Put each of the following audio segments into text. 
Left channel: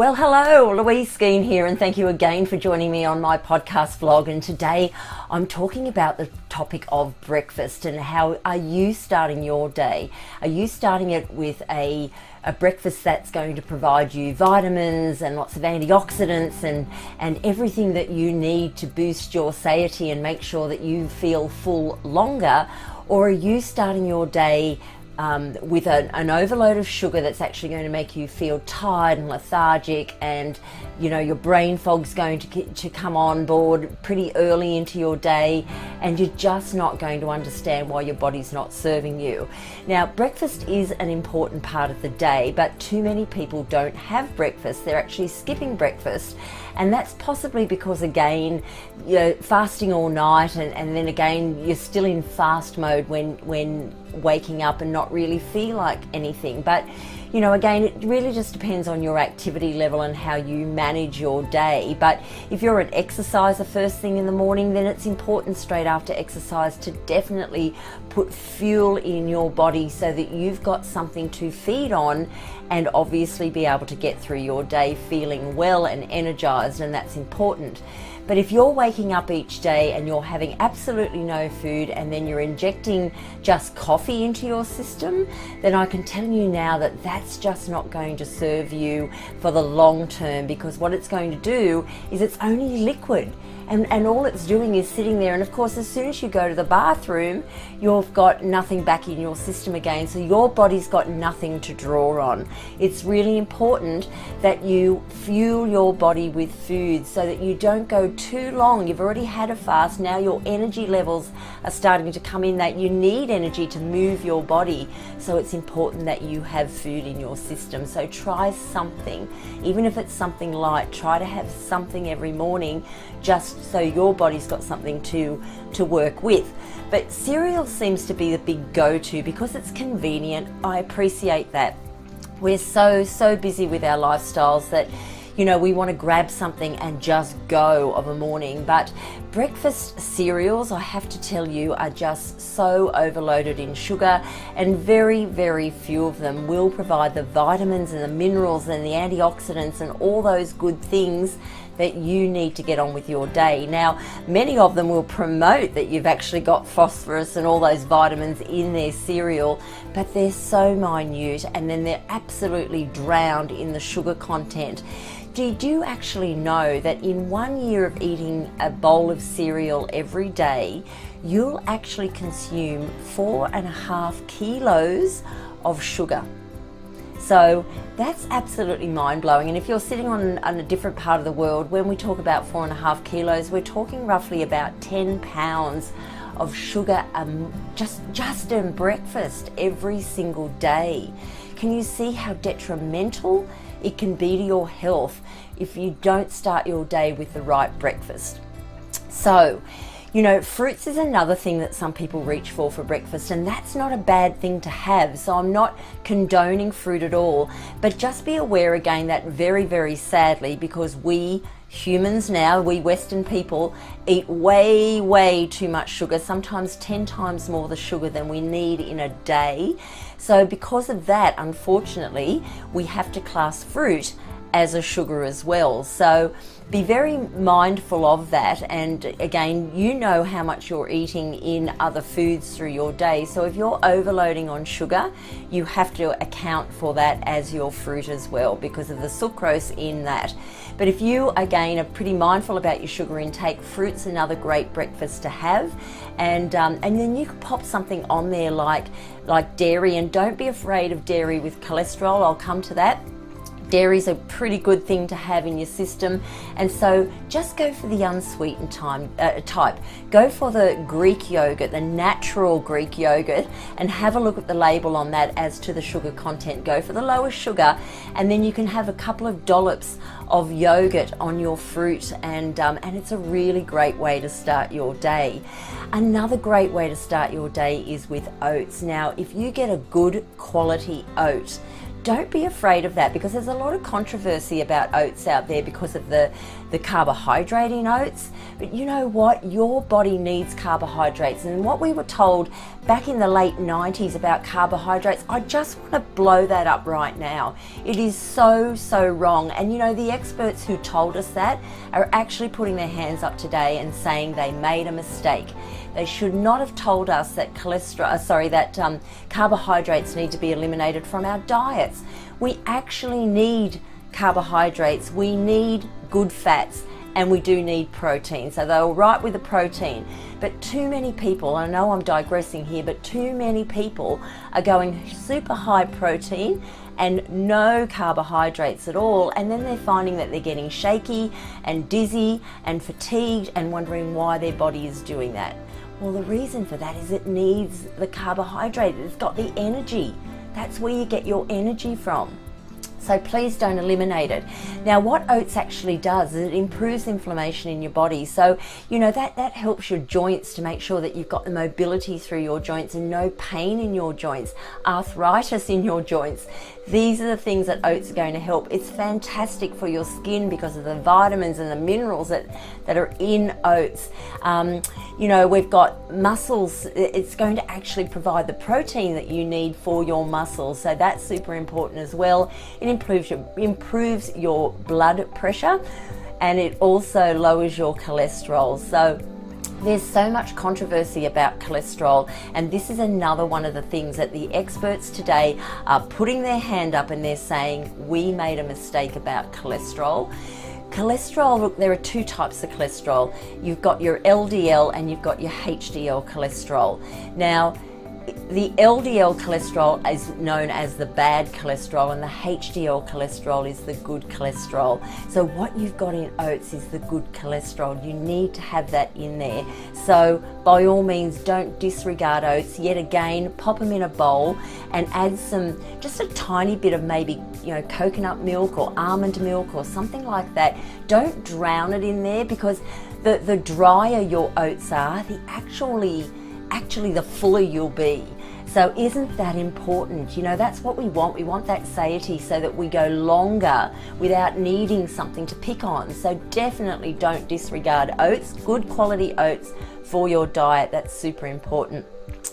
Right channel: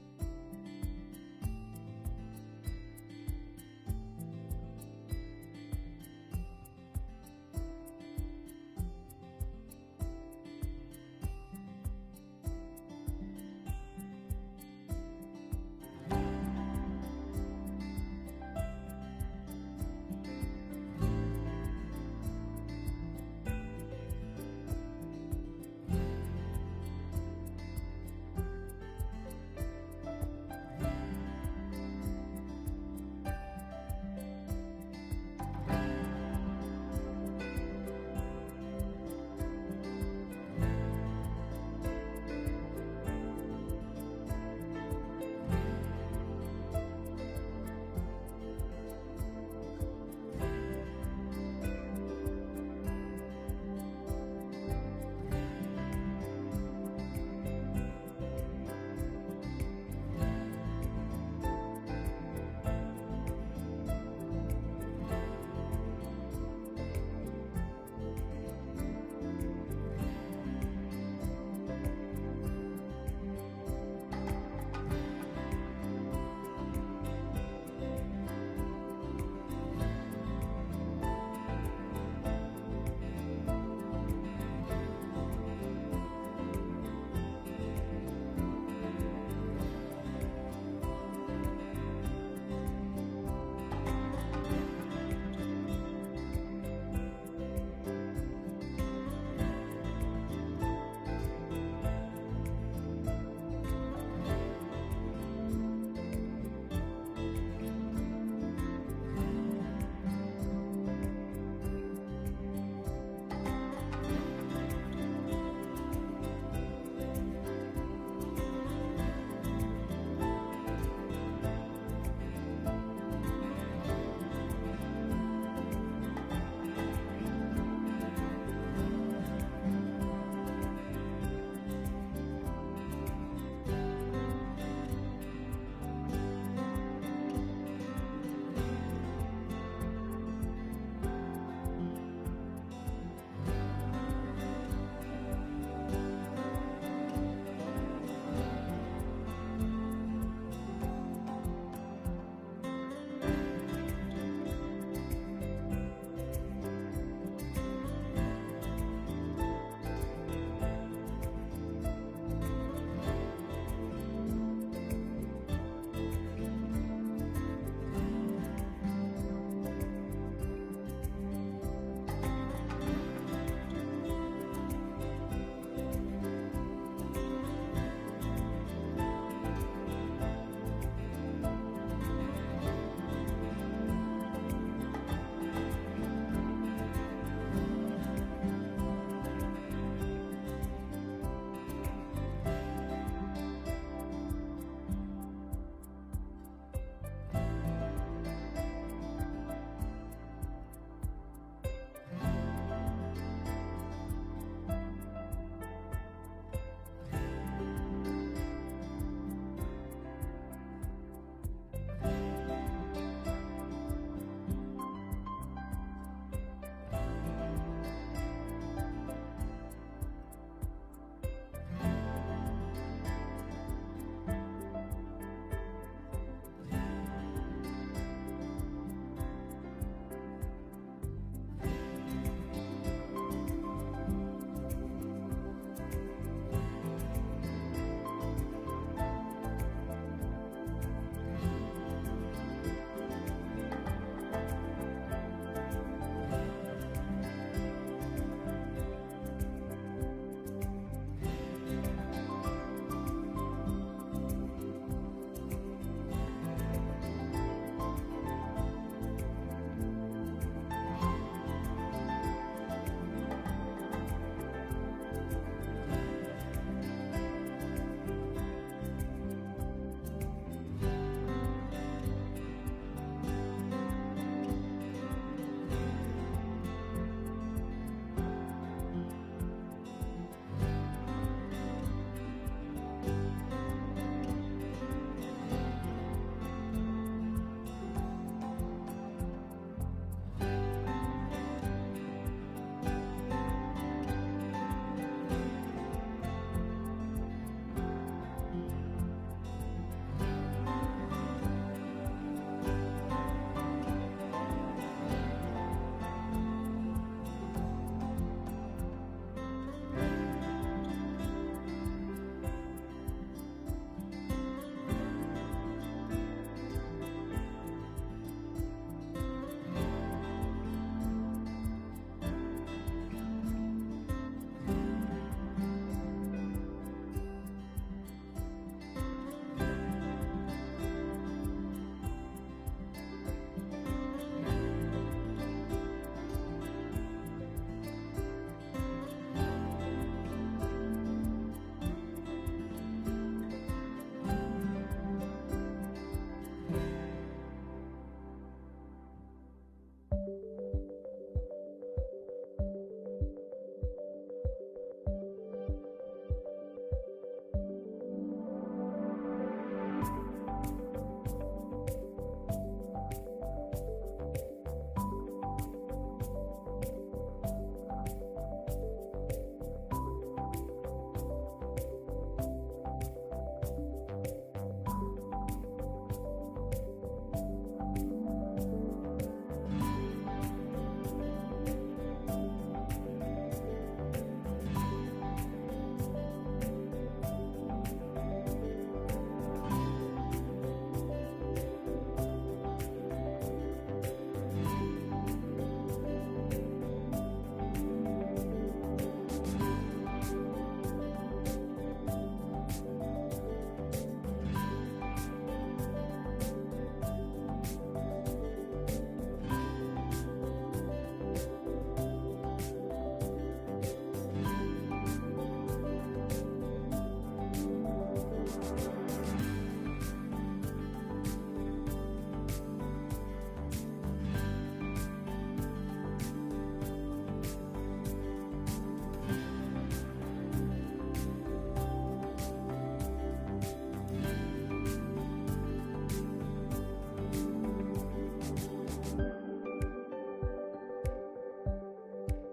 Well, hello, Louise Skeen here, and thank you again for joining me on my podcast vlog. And today I'm talking about the topic of breakfast and how are you starting your day? Are you starting it with a breakfast that's going to provide you vitamins and lots of antioxidants and everything that you need to boost your satiety and make sure that you feel full longer? Or are you starting your day with an overload of sugar that's actually going to make you feel tired and lethargic, and your brain fog's going to come on board pretty early into your day, and you're just not going to understand why your body's not serving you. Now, breakfast is an important part of the day, but too many people don't have breakfast. They're actually skipping breakfast, and that's possibly because, again, you're fasting all night, and then again you're still in fast mode when waking up and not really feel like anything. But again, it really just depends on your activity level and how you manage your day. But if you're an exerciser first thing in the morning, then it's important straight after exercise to definitely put fuel in your body so that you've got something to feed on and obviously be able to get through your day feeling well and energized, and that's important. But if you're waking up each day and you're having absolutely no food and then you're injecting just coffee into your system, then I can tell you now that that's just not going to serve you for the long term, because what it's going to do is it's only liquid. And all it's doing is sitting there, and of course as soon as you go to the bathroom, you've got nothing back in your system again, so your body's got nothing to draw on. It's really important that you fuel your body with food so that you don't go too long. You've already had a fast, now your energy levels are starting to come in, that you need energy to move your body, so it's important that you have food in your system. So try something, even if it's something light, try to have something every morning, just so your body's got something to work with. But cereal seems to be the big go-to because it's convenient. I appreciate that. We're so busy with our lifestyles that we want to grab something and just go of a morning. But breakfast cereals, I have to tell you, are just so overloaded in sugar, and very few of them will provide the vitamins and the minerals and the antioxidants and all those good things that you need to get on with your day. Now, many of them will promote that you've actually got phosphorus and all those vitamins in their cereal, but they're so minute, and then they're absolutely drowned in the sugar content. Did you actually know that in 1 year of eating a bowl of cereal every day, you'll actually consume 4.5 kilos of sugar? So that's absolutely mind-blowing. And if you're sitting on a different part of the world, when we talk about 4.5 kilos, we're talking roughly about 10 pounds of sugar just in breakfast every single day. Can you see how detrimental it can be to your health if you don't start your day with the right breakfast? So, fruits is another thing that some people reach for breakfast, and that's not a bad thing to have. So I'm not condoning fruit at all, but just be aware again that very sadly, because we humans now, we Western people, eat way too much sugar, sometimes 10 times more the sugar than we need in a day. So because of that, unfortunately, we have to class fruit as a sugar as well. So be very mindful of that, and again, how much you're eating in other foods through your day. So if you're overloading on sugar, you have to account for that as your fruit as well, because of the sucrose in that. But if you again are pretty mindful about your sugar intake, fruit's another great breakfast to have. And then you can pop something on there like dairy, and don't be afraid of dairy with cholesterol. I'll come to that. Dairy's a pretty good thing to have in your system, and so just go for the unsweetened type. Go for the Greek yogurt, the natural Greek yogurt, and have a look at the label on that as to the sugar content. Go for the lowest sugar, and then you can have a couple of dollops of yogurt on your fruit, and it's a really great way to start your day. Another great way to start your day is with oats. Now, if you get a good quality oat, don't be afraid of that, because there's a lot of controversy about oats out there because of the carbohydrate in oats. But you know what? Your body needs carbohydrates. And what we were told back in the late 90s about carbohydrates, I just want to blow that up right now. It is so, so wrong. And you know, the experts who told us that are actually putting their hands up today and saying they made a mistake. They should not have told us that carbohydrates need to be eliminated from our diets. We actually need carbohydrates. We need good fats, and we do need protein. So they were right with the protein. But too many people, I know I'm digressing here, but too many people are going super high protein and no carbohydrates at all, and then they're finding that they're getting shaky and dizzy and fatigued and wondering why their body is doing that. Well, the reason for that is it needs the carbohydrate. It's got the energy. That's where you get your energy from. So please don't eliminate it. Now, what oats actually does is it improves inflammation in your body. So, you know, that helps your joints to make sure that you've got the mobility through your joints and no pain in your joints, arthritis in your joints. These are the things that oats are going to help. It's fantastic for your skin because of the vitamins and the minerals that are in oats. You know, we've got muscles. It's going to actually provide the protein that you need for your muscles. So that's super important as well. It improves your blood pressure, and it also lowers your cholesterol. So there's so much controversy about cholesterol, and this is another one of the things that the experts today are putting their hand up and they're saying, we made a mistake about cholesterol. Cholesterol, look, there are two types of cholesterol. You've got your LDL and you've got your HDL cholesterol. Now, the LDL cholesterol is known as the bad cholesterol, and the HDL cholesterol is the good cholesterol. So what you've got in oats is the good cholesterol. You need to have that in there. So by all means, don't disregard oats. Yet again, pop them in a bowl and add just a tiny bit of maybe, you know, coconut milk or almond milk or something like that. Don't drown it in there, because the drier your oats are, actually the fuller you'll be. So isn't that important? You know, that's what we want. We want that satiety so that we go longer without needing something to pick on. So definitely don't disregard oats, good quality oats for your diet. That's super important.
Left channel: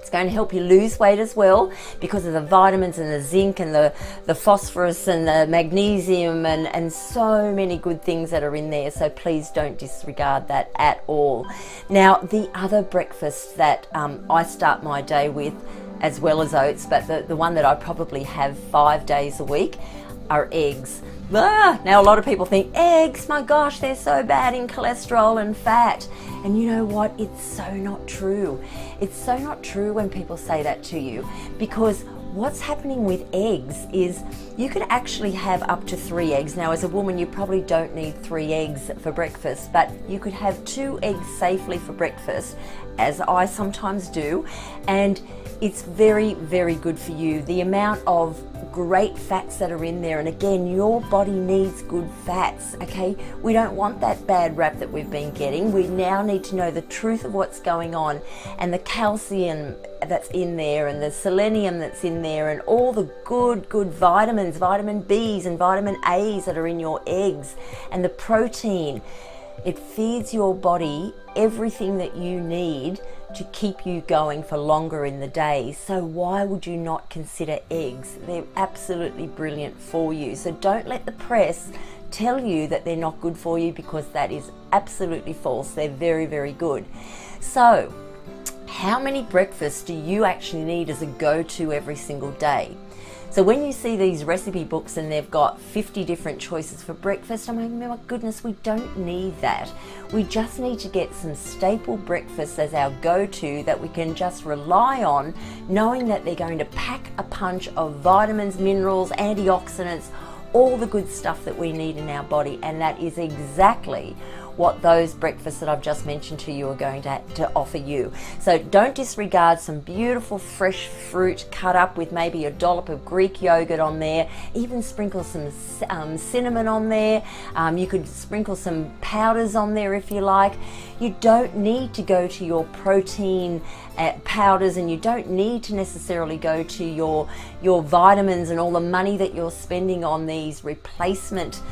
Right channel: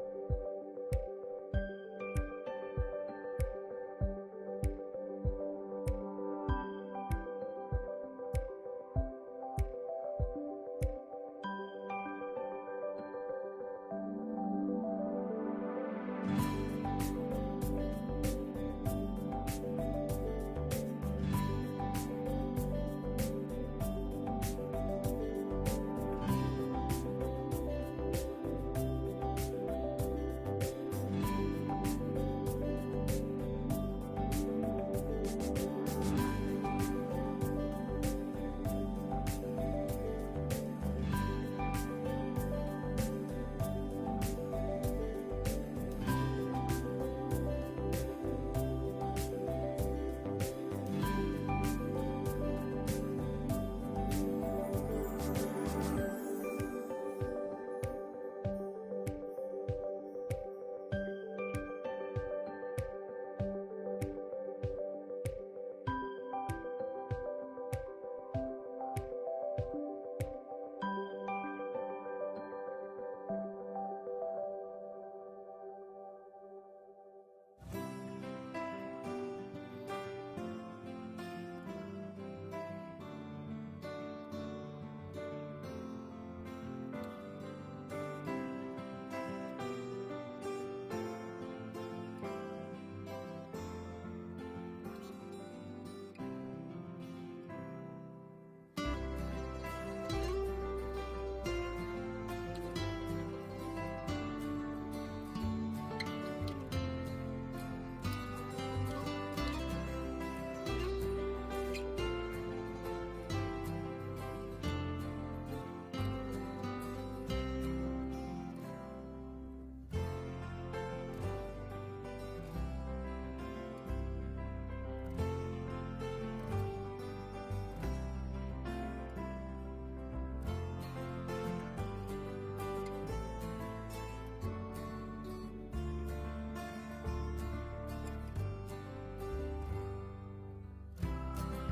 It's going to help you lose weight as well because of the vitamins and the zinc and the phosphorus and the magnesium and so many good things that are in there. So please don't disregard that at all. Now, the other breakfast that I start my day with, as well as oats, but the one that I probably have 5 days a week, are eggs. Now a lot of people think eggs, my gosh, they're so bad in cholesterol and fat. And you know what? It's so not true. It's so not true when people say that to you, because what's happening with eggs is you could actually have up to 3 eggs. Now, as a woman, you probably don't need 3 eggs for breakfast, but you could have 2 eggs safely for breakfast, as I sometimes do, and it's very, very good for you. The amount of great fats that are in there, and again, your body needs good fats, okay? We don't want that bad rap that we've been getting. We now need to know the truth of what's going on, and the calcium that's in there and the selenium that's in there and all the good vitamins, vitamin B's and vitamin A's that are in your eggs, and the protein. It feeds your body everything that you need to keep you going for longer in the day. So why would you not consider eggs? They're absolutely brilliant for you. So don't let the press tell you that they're not good for you, because that is absolutely false. They're very, very good. So how many breakfasts do you actually need as a go-to every single day? So when you see these recipe books and they've got 50 different choices for breakfast, I'm like, my goodness, we don't need that. We just need to get some staple breakfasts as our go-to that we can just rely on, knowing that they're going to pack a punch of vitamins, minerals, antioxidants, all the good stuff that we need in our body. And that is exactly what those breakfasts that I've just mentioned to you are going to offer you. So don't disregard some beautiful fresh fruit cut up with maybe a dollop of Greek yogurt on there. Even sprinkle some cinnamon on there. You could sprinkle some powders on there if you like. You don't need to go to your protein powders, and you don't need to necessarily go to your vitamins and all the money that you're spending on these replacement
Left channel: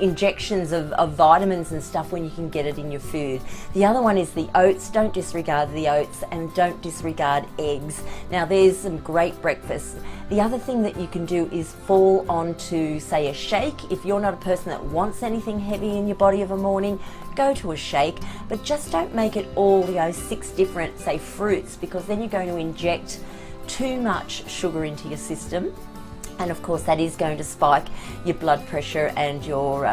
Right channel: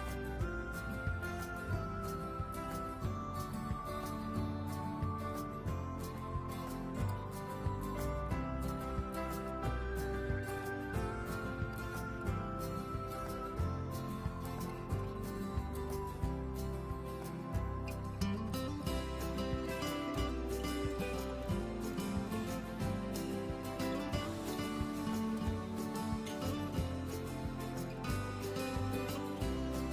injections of vitamins and stuff when you can get it in your food. The other one is the oats. Don't disregard the oats, and don't disregard eggs. Now there's some great breakfasts. The other thing that you can do is fall onto, say, a shake. If you're not a person that wants anything heavy in your body of a morning, go to a shake, but just don't make it all 6 different, say, fruits, because then you're going to inject too much sugar into your system. And of course that is going to spike your blood pressure and your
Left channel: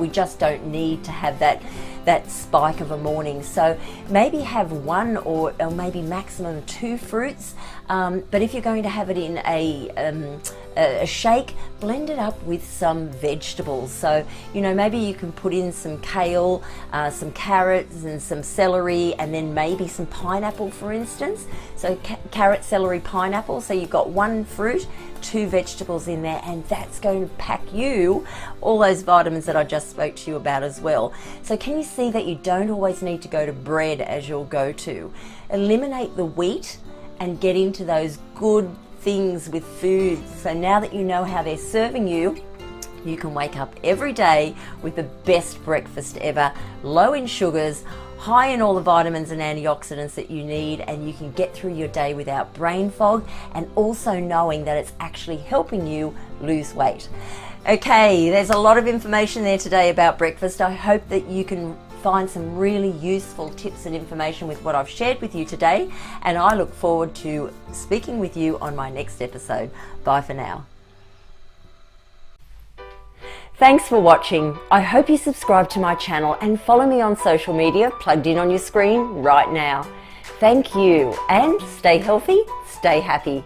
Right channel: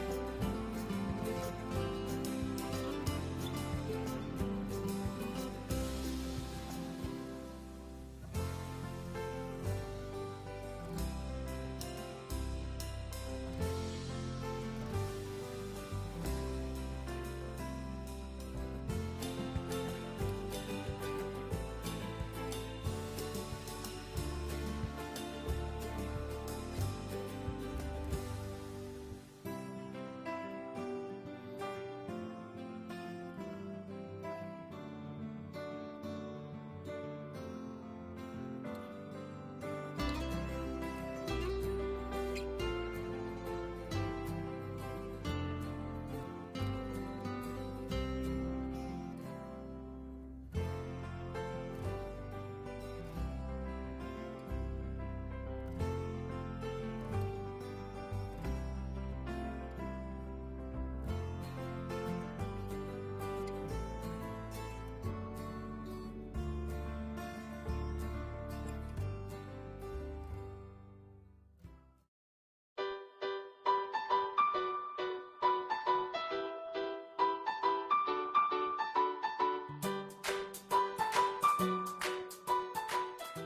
we just don't need to have that spike of a morning. So maybe have 1 or maybe maximum 2 fruits, but if you're going to have it in a shake, blend it up with some vegetables. So maybe you can put in some kale, some carrots and some celery, and then maybe some pineapple, for instance. So carrot, celery, pineapple. So you've got 1 fruit, 2 vegetables in there, and that's going to pack you all those vitamins that I just spoke to you about as well. So can you see that you don't always need to go to bread as your go-to? Eliminate the wheat and get into those good things with food. So now that you know how they're serving you, you can wake up every day with the best breakfast ever, low in sugars, high in all the vitamins and antioxidants that you need, and you can get through your day without brain fog, and also knowing that it's actually helping you lose weight. Okay, there's a lot of information there today about breakfast. I hope that you can find some really useful tips and information with what I've shared with you today, and I look forward to speaking with you on my next episode. Bye for now. Thanks for watching. I hope you subscribe to my channel and follow me on social media plugged in on your screen right now. Thank you, and stay healthy, stay happy.